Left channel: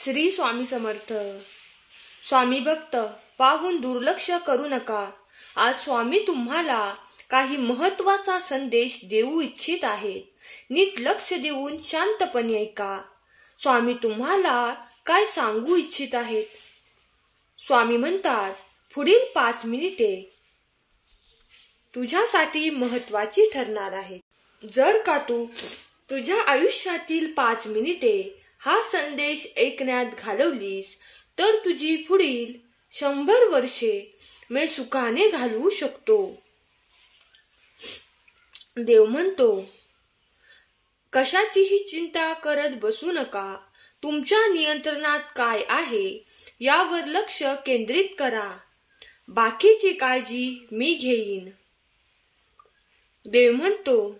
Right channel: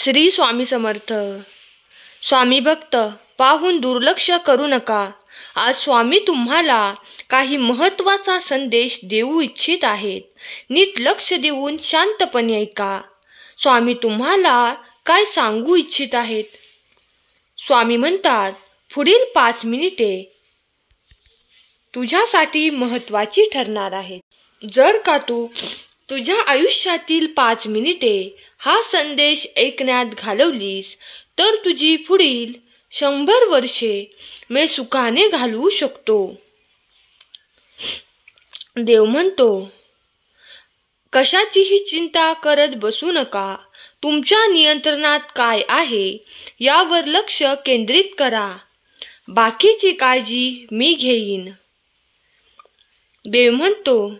श्री स्वामी समर्थ. स्वामी भक्त पाहून दुर्लक्ष करू नका. आज स्वामी तुम्हाला काही महत्त्वाचा संदेश देऊ इच्छित आहेत. नीट लक्ष देऊन शांतपणे ऐका. स्वामी तुम्हाला काय सांगू इच्छित आहेत. स्वामी म्हणतात, पुढील 5 मिनिटे तुझ्यासाठी महत्त्वाची ठरणार आहेत. जर का तू तुझ्या आयुष्यातील 5 मिनिटे हा संदेश ऐकण्यात घालवलीस तर तुझी पुढील 100 वर्षे मी सुखाने घालवू शकतो. देव म्हणतो, कशाचीही चिंता करत बसू नका. तुमच्या नियंत्रणात काय आहे यावर लक्ष केंद्रित करा. बाकीची काळजी मी घेईन. देव म्हणतो,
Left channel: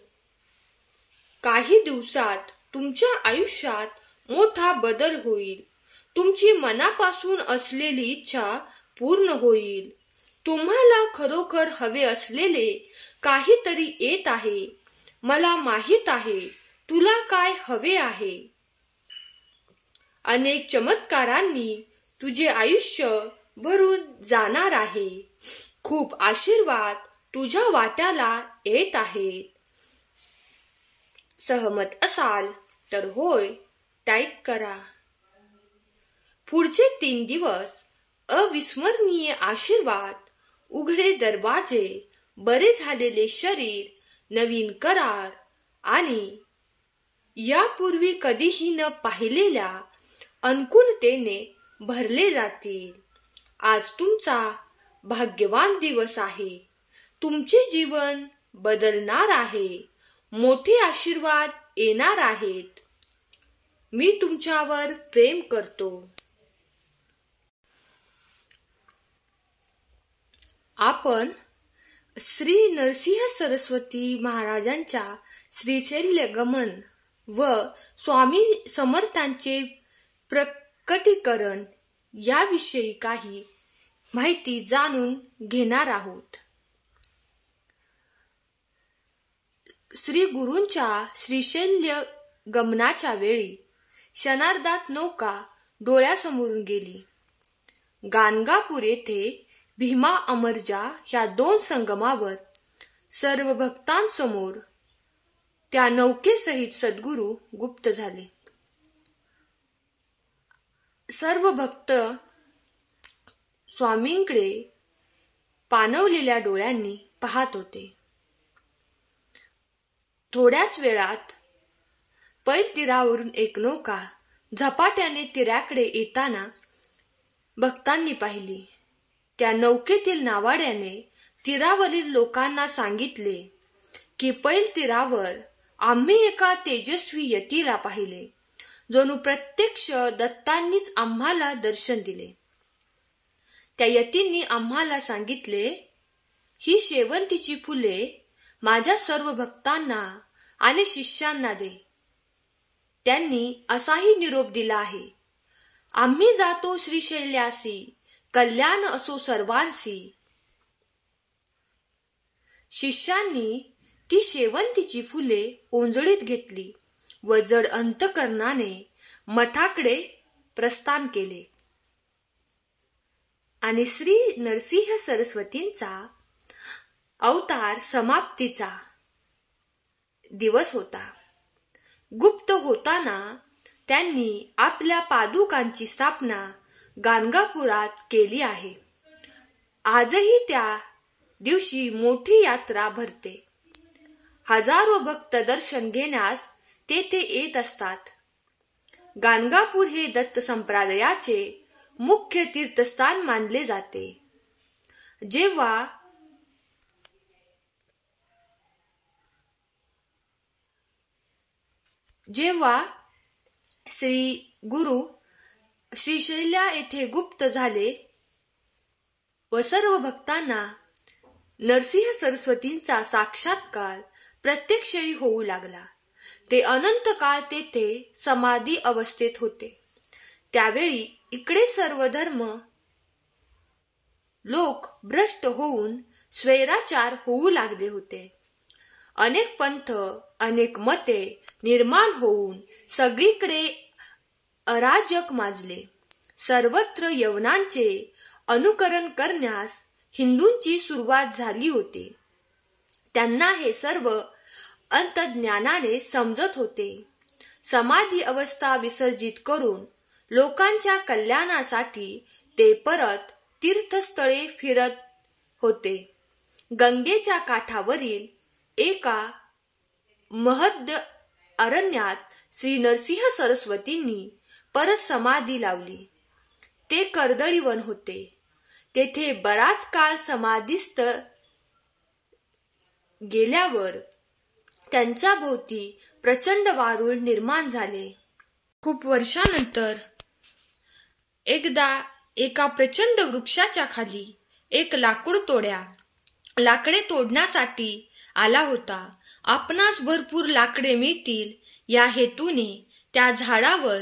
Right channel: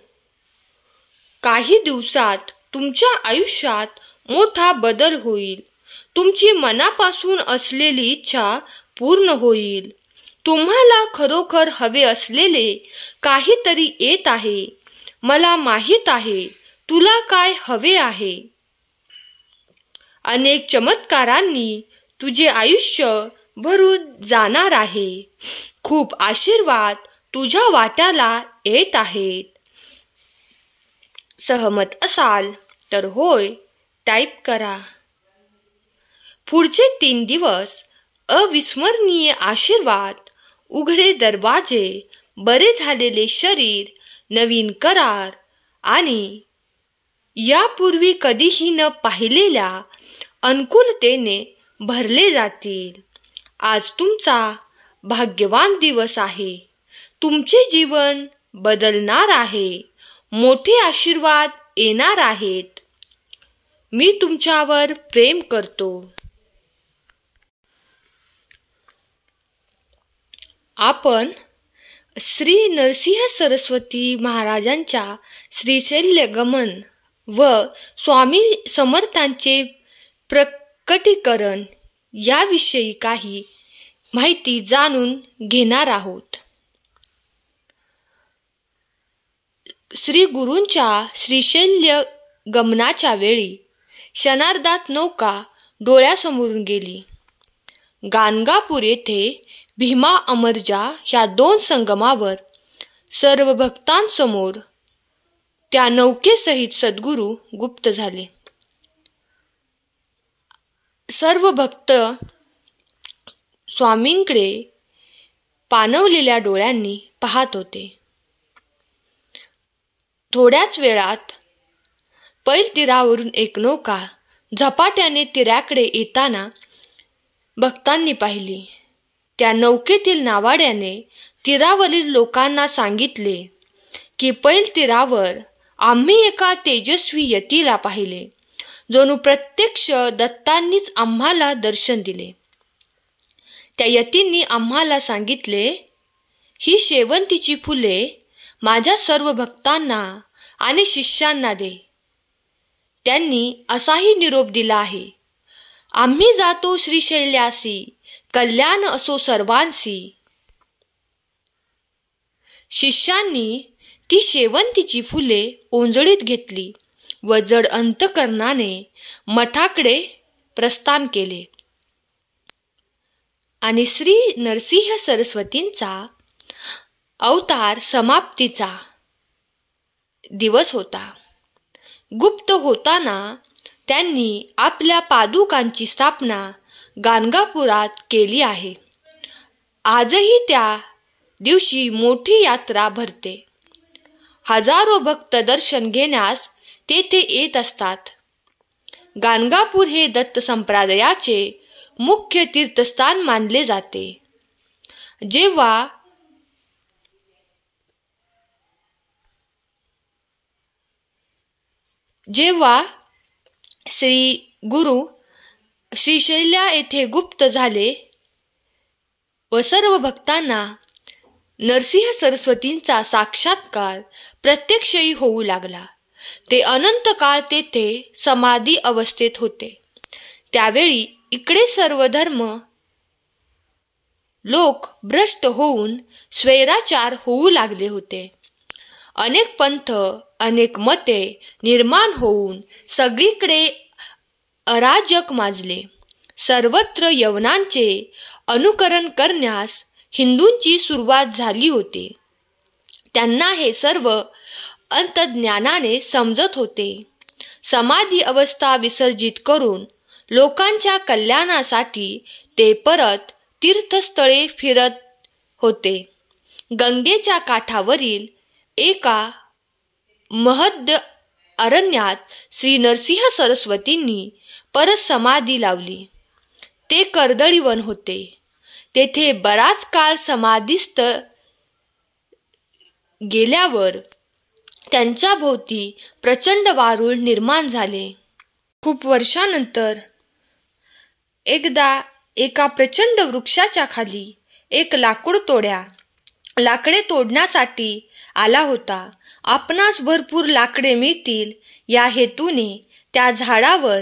काही दिवसात तुमच्या आयुष्यात मोठा बदल होईल. तुमची मनापासून असलेली इच्छा पूर्ण होईल. तुम्हाला खरोखर हवे असलेले काहीतरी येत आहे. मला माहीत आहे तुला काय हवे आहे. अनेक चमत्कारांनी तुझे आयुष्य भरून जाणार आहे. खूप आशीर्वाद तुझ्या वाट्याला येत आहेत. सहमत असाल तर होय टाईप करा. पुढचे 3 दिवस अविस्मरणीय आशीर्वाद, उघडे दरवाजे, बरे झालेले शरीर, नवीन करार आणि यापूर्वी कधीही न पाहिलेल्या अनुकूलतेने भरले जातील. आज तुमचा भाग्यवान दिवस आहे. तुमचे जीवन बदलणार आहे. मोठे आशीर्वाद येणार आहेत. मी तुमच्यावर प्रेम करतो. आपण श्री नरसिंह सरस्वती महाराजांच्या श्रीशैल्य गमन व स्वामी समर्थांचे प्रकटीकरण याविषयी काही माहिती जाणून घेणार आहोत. श्री गुरूंच्या श्रीशैल्य गमनाच्या वेळी क्षणार्धात नौका डोळ्यासमोरून गेली. गाणगापूर येथे भीमा अमरजा ह्या 2 संगमावर सर्व भक्तांसमोर त्या नौकेसहित सद्गुरू गुप्त झाले. सर्व भक्त स्वामींकडे पाणवलेल्या डोळ्यांनी पाहत होते. थोड्याच वेळात पैल तीरावरून एक नौका झपाट्याने तीराकडे येताना भक्तांनी पाहिली. त्या नौकेतील नावाड्याने तीरावरील लोकांना सांगितले की पैल तीरावर आम्ही एका तेजस्वी यतीला पाहिले. जणू प्रत्यक्ष दत्तांनीच आम्हाला दर्शन दिले. त्या यतींनी आम्हाला सांगितले, ही शेवंतीची फुले माझ्या सर्व भक्तांना आणि शिष्यांना दे. त्यांनी असाही निरोप दिला आहे, आम्ही जातो श्रीशैल्यासी, कल्याण असो सर्वांसी. शिष्यांनी ती शेवंतीची फुले ओंजळीत घेतली व जड अंतकरणाने मठाकडे प्रस्थान केले. आणि श्री नरसिंह सरस्वतींचा अवतार समाप्तीचा दिवस होता. गुप्त होताना त्यांनी आपल्या पादुकांची स्थापना गाणगापुरात केली आहे. आजही त्या दिवशी मोठी यात्रा भरते. हजारो भक्त दर्शन घेण्यास तेथे येत असतात. गाणगापूर हे दत्त संप्रदायाचे मुख्य तीर्थस्थान मानले जाते. जेव्हा श्री गुरु श्रीशैल्या येथे गुप्त झाले व सर्व भक्तांना नरसिंह सरस्वतींचा साक्षात्कार प्रत्यक्षही होऊ लागला. ते अनंत काळ तेथे समाधी अवस्थेत होते. त्यावेळी इकडे सर्व धर्म लोक भ्रष्ट होऊन स्वैराचार होऊ लागले होते. अनेक पंथ, अनेक मते निर्माण होऊन सगळीकडे अराजक माजले. सर्वत्र यवनांचे अनुकरण करण्यास हिंदूंची सुरुवात झाली होती. त्यांना हे सर्व अंतर्ज्ञानाने समजत होते. समाधी अवस्था विसर्जित करून लोकांच्या कल्याणासाठी ते परत तीर्थस्थळे फिरत होते. गंगेच्या काठावरील एका महद अरण्यात श्री नरसिंह सरस्वतींनी परत समाधी लावली. ते कर्दळीवन होते. तेथे बराच काळ समाधीस्थ गेल्यावर त्यांच्या भोवती प्रचंड वारूळ निर्माण झाले. खूप वर्षानंतर एकदा एका प्रचंड वृक्षाच्या खाली एक लाकडे तोडण्यासाठी आला होता. आपणास भरपूर लाकडे मिळतील या हेतूने त्या झाडावर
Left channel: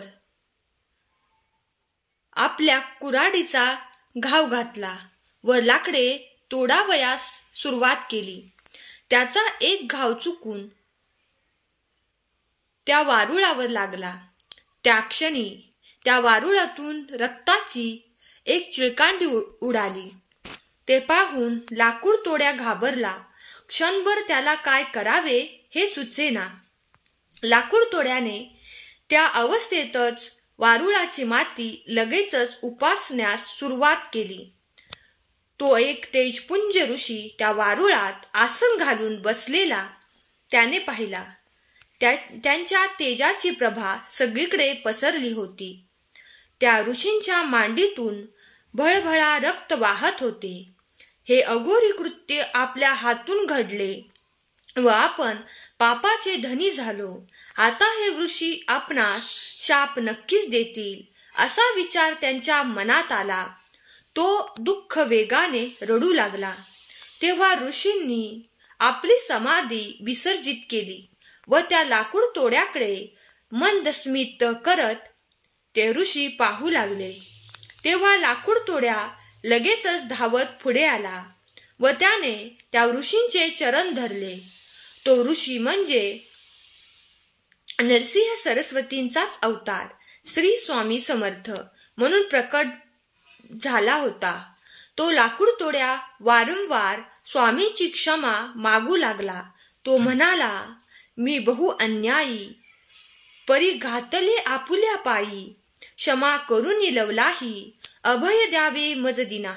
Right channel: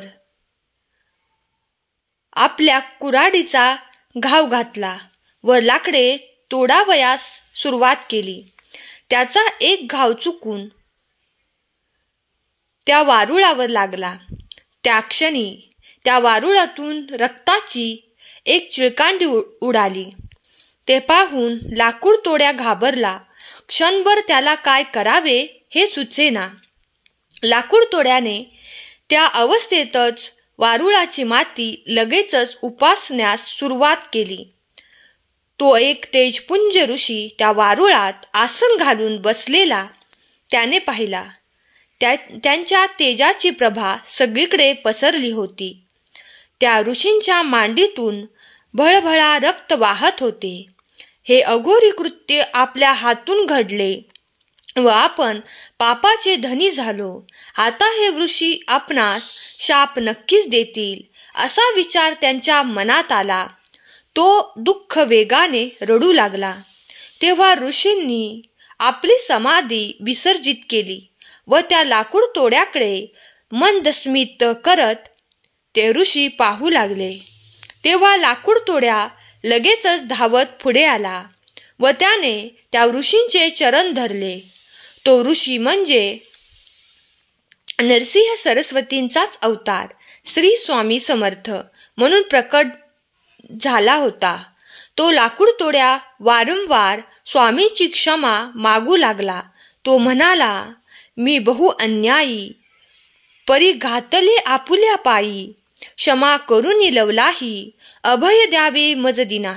आपल्या कुऱ्हाडीचा घाव घातला व लाकडे तोडावयास सुरुवात केली. त्याचा एक घाव चुकून त्या वारुळावर लागला. त्या क्षणी त्या वारुळातून रक्ताची एक चिळकांडी उडाली. ते पाहून लाकूड तोड्या घाबरला. क्षणभर त्याला काय करावे हे सुचेना. लाकूड तोड्याने त्या अवस्थेतच वारुळाची माती लगेचच उपासण्यास सुरुवात केली. तो एक तेजपुंज ऋषी त्या वारुळात आसन घालून बसलेला त्याने पाहिला. त्यांच्या तेजाची प्रभा सगळीकडे पसरली होती. त्या ऋषींच्या मांडीतून भळभळा रक्त वाहत होते. हे अघोरी कृत्य आपल्या हातून घडले व आपण पापाचे धनी झालो. आता हे ऋषी आपणास शाप नक्कीच देतील असा विचार त्यांच्या मनात आला. तो दुःख वेगाने रडू लागला. तेव्हा ऋषींनी आपली समाधी विसर्जित केली व त्या लाकूड तोड्याकडे मंदस्मित करत ते ऋषी पाहू लागले. तेव्हा लाकूड तोड्या लगेचच धावत पुढे आला व त्याने त्या ऋषींचे चरण धरले. तो ऋषी म्हणजे नरसिंह सरस्वतींचाच अवतार श्री स्वामी समर्थ म्हणून प्रकट झाला होता. तो लाकूड तोड्या वारंवार स्वामीची क्षमा मागू लागला. तो म्हणाला, मी बहु अन्यायी परी घातले आपुल्या पायी, क्षमा करुनी लवलाही अभय द्यावे मज दिना.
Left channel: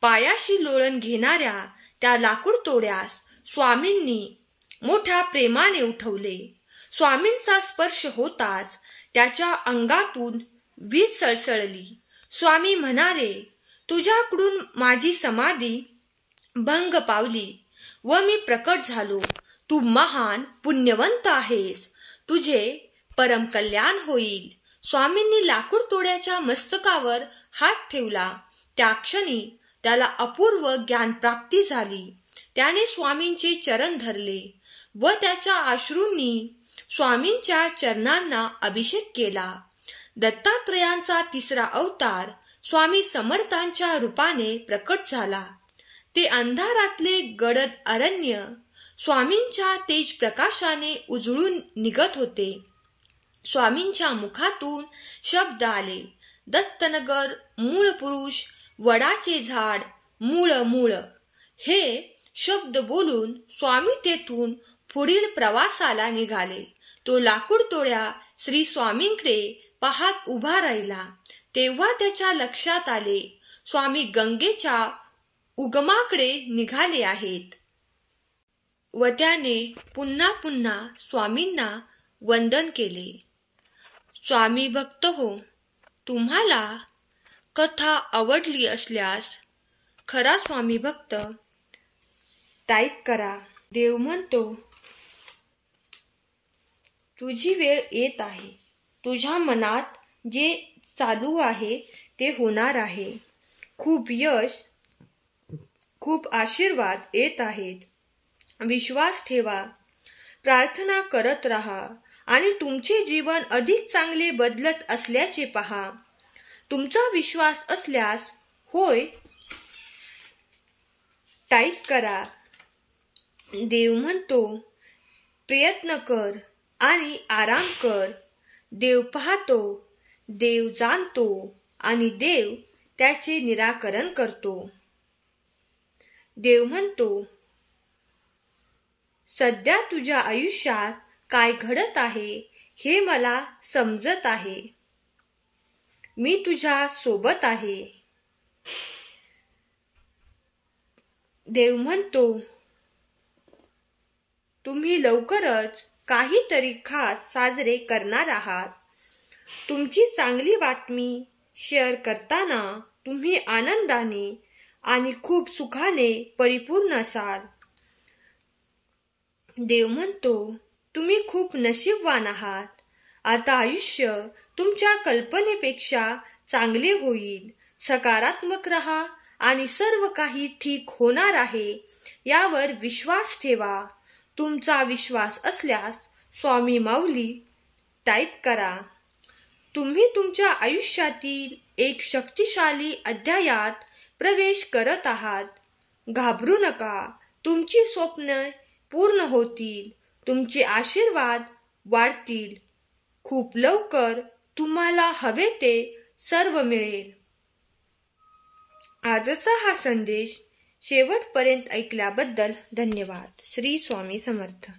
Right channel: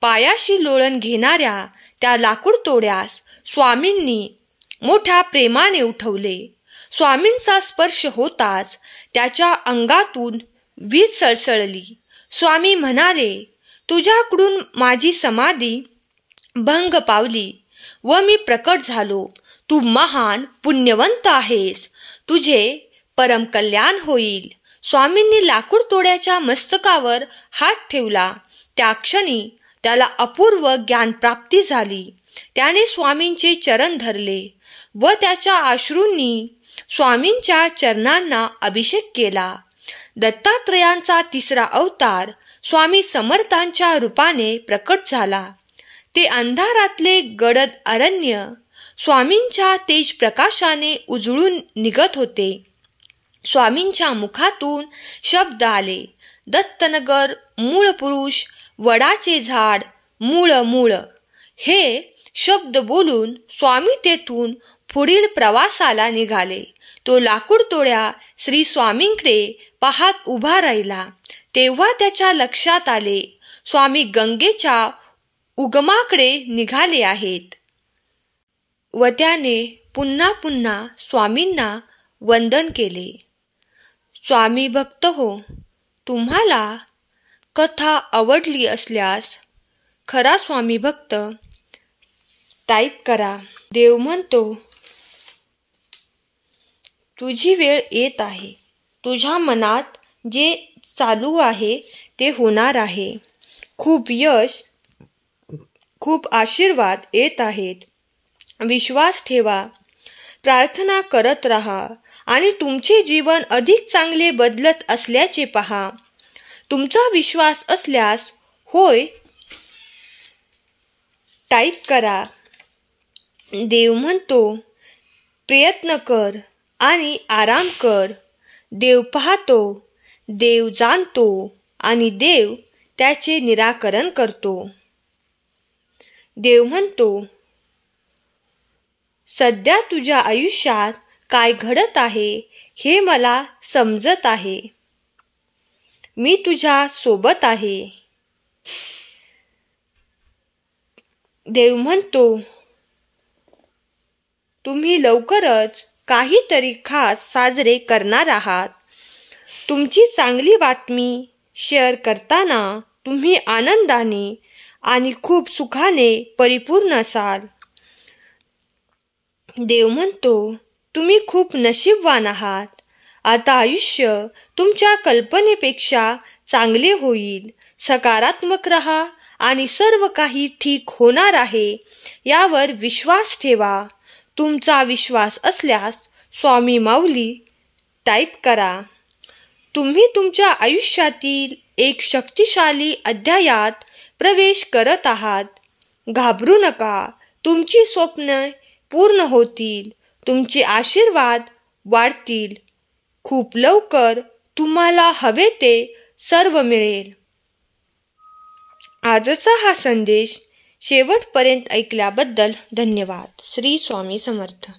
पायाशी लोळण घेणाऱ्या त्या लाकूड तोड्यास स्वामींनी मोठ्या प्रेमाने उठवले. स्वामींचा स्पर्श होताच त्याच्या अंगातून वीज सळसळली. स्वामी म्हणाले, तुझ्याकडून माझी समाधी भंग पावली व मी प्रकट झालो. तू महान पुण्यवंत आहेस. तुझे परम कल्याण होईल. स्वामींनी लाकूड तोड्याच्या मस्तकावर हात ठेवला. त्या क्षणी त्याला अपूर्व ज्ञानप्राप्ती झाली. त्याने स्वामींचे चरण धरले व त्याच्या अश्रूंनी स्वामींच्या चरणांना अभिषेक केला. दत्तात्रयांचा तिसरा अवतार स्वामी समर्थांच्या रूपाने प्रकट झाला. ते अंधारातले गडद अरण्य स्वामींच्या तेज प्रकाशाने उजळून निघत होते. स्वामींच्या मुखातून शब्द आले, दत्तनगर मूळ पुरुष वडाचे झाड मूळ मूळ. हे शब्द बोलून स्वामी तेथून पुढील प्रवासाला निघाले. तो लाकूड तोड्या श्री स्वामींकडे पाहत उभा राहिला. तेव्हा त्याच्या लक्षात आले, स्वामी गंगेच्या उगमाकडे निघाले आहेत व त्याने पुन्हा पुन्हा स्वामींना वंदन केले. स्वामी भक्त हो, तुम्हाला कथा आवडली असल्यास खरा स्वामी भक्त टाईप करा. देव म्हणतो, तुझी वेळ येत आहे. तुझ्या मनात जे चालू आहे ते होणार आहे. खूप यश, खूप आशीर्वाद येत आहेत. विश्वास ठेवा, प्रार्थना करत राहा आणि तुमचे जीवन अधिक चांगले बदलत असल्याचे पहा. तुमचा विश्वास असल्यास होय टाईप करा. देव म्हणतो, प्रयत्न कर आणि आराम कर. देव पाहतो देव जाणतो आणि देव त्याचे निराकरण करतो. देव म्हणतो, सध्या तुझ्या आयुष्यात काय घडत आहे हे मला समजत आहे. मी तुझ्या सोबत आहे. देव म्हणतो, तुम्ही लवकरच काहीतरी खास साजरे करणार आहात. तुमची चांगली बातमी शेअर करताना तुम्ही आनंदाने आणि खूप सुखाने परिपूर्ण असाल. देव म्हणतो, तुम्ही खूप नशीबवान आहात. आता आयुष्य तुमच्या कल्पनेपेक्षा चांगले होईल. सकारात्मक रहा आणि सर्व काही ठीक होणार आहे यावर विश्वास ठेवा. तुमचा विश्वास असल्यास स्वामी माऊली टाईप करा. तुम्ही तुमच्या आयुष्यातील एक शक्तिशाली अध्यायात प्रवेश करत आहात. घाबरू नका. तुमची स्वप्ने पूर्ण होतील. तुमचे आशीर्वाद वाढतील. खूप लवकर तुम्हाला हवे ते सर्व मिळेल. आजचा हा संदेश शेवटपर्यंत ऐकल्याबद्दल धन्यवाद. श्री स्वामी समर्थ.